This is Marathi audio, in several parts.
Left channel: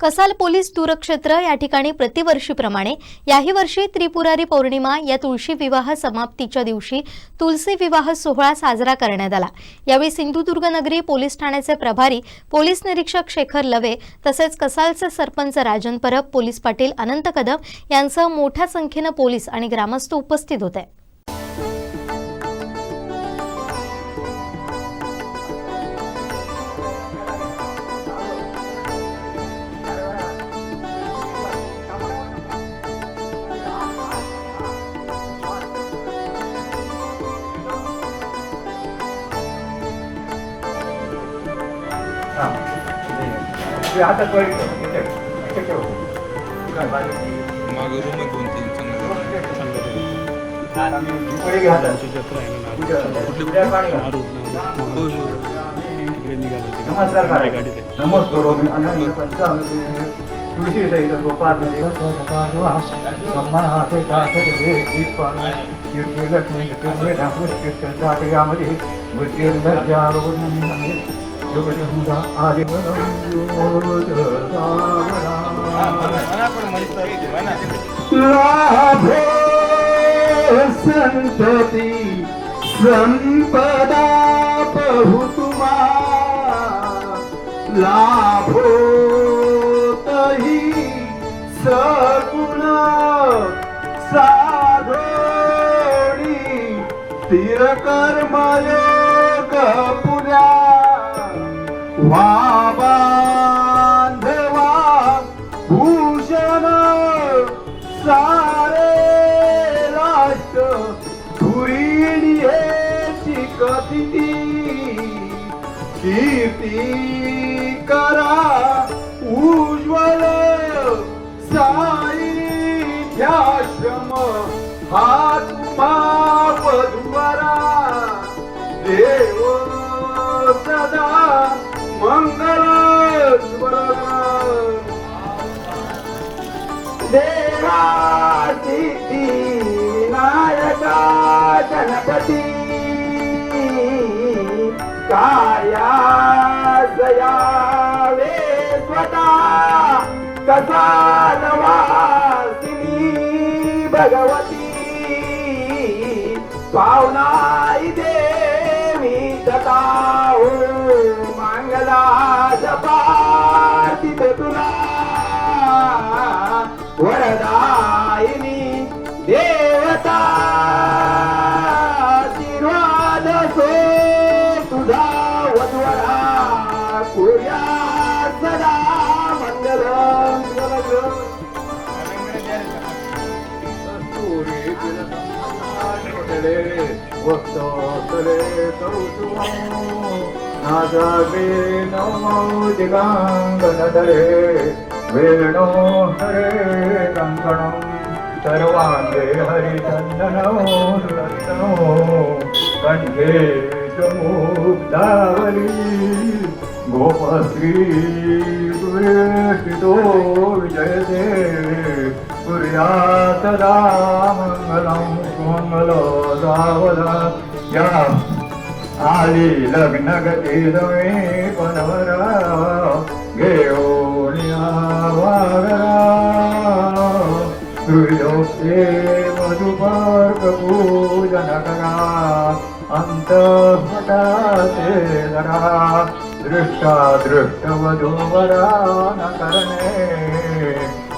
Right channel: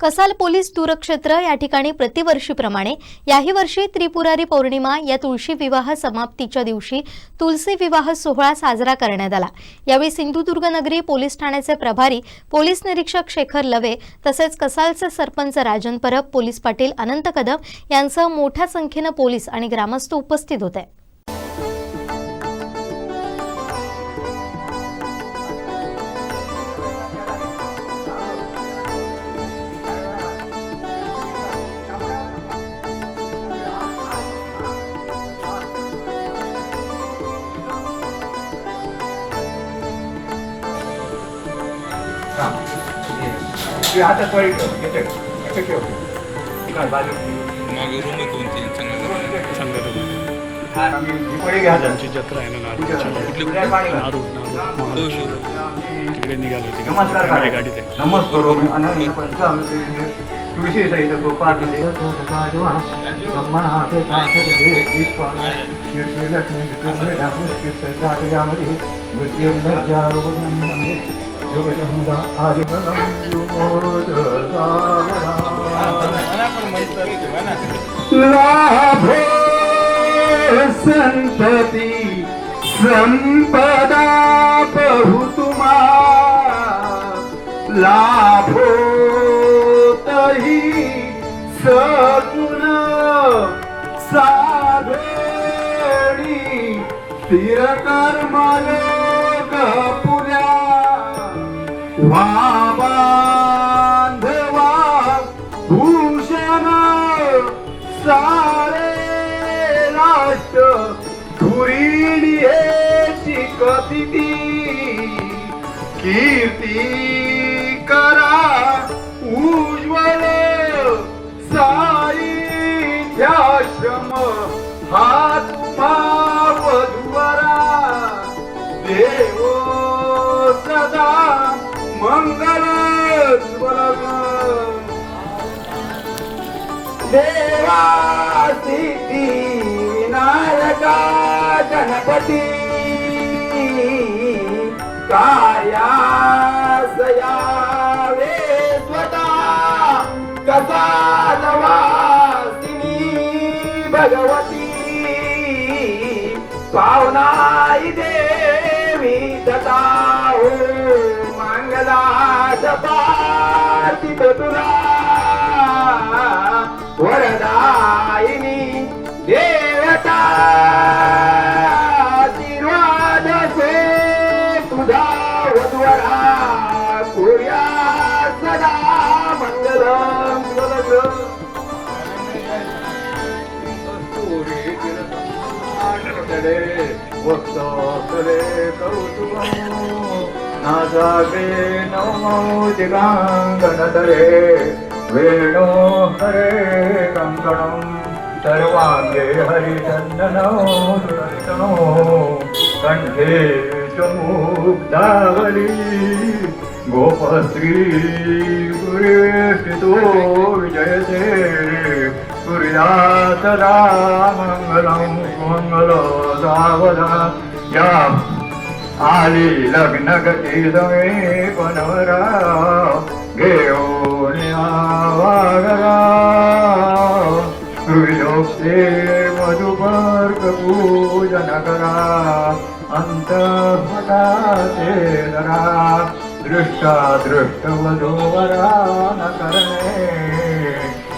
कसाल पोलीस दूरक्षेत्र या ठिकाणी प्रतिवर्षीप्रमाणे याही वर्षी त्रिपुरारी पौर्णिमा या तुळशी विवाह समाप्तीच्या दिवशी तुलसी विवाह सोहळा साजरा करण्यात आला. यावेळी सिंधुदुर्ग नगरी पोलीस ठाण्याचे प्रभारी पोलीस निरीक्षक शेखर लवे तसेच कसालचे सरपंच राजन परब पोलीस पाटील अनंत कदम यांसह मोठ्या संख्येनं पोलीस आणि ग्रामस्थ उपस्थित होते. त्यांची जत्रा आहे ना नारूर तिकडे निघालो नमस्कार तिकडे गाडीत आहे. नमस्कार मी अनन्य पंचामृते तुळशी सहित गोपाळ सन्मान हाते कासे संतती संपदा बहुतुमा लाभो तही सगुण साधोणी स्थिर कर्म कीर्ती करा उज्ज्वल साईध्याश्रम हा तुम्हा वधुवरा देव सदा मंगल देवा सिद्धी नायका गणपती. काया सयावे स्वतः कसा नवासिनी भगवती पावनाई देवी दता हो मंगला सपाती तुला ભક્તો કરે કૌતુક આજાગે નમો જગાંગણ દરે વેણો હરે કંગણમ સર્વાંગે હરિચંદનો કંઠે ચમુદાવલી ગોપશ્રી સુરેશ તો વિજય સૂર્યાતરા सावधा या. आली लग्न गती दमे कोणवरा घेऊन वागरा सुयोक्ते पूजन करा. अंतस्मटाते जरा. दृष्टा दृष्ट वधूवरा न करणे.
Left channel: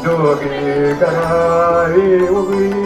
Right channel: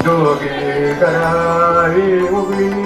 दोघे करावी उभी.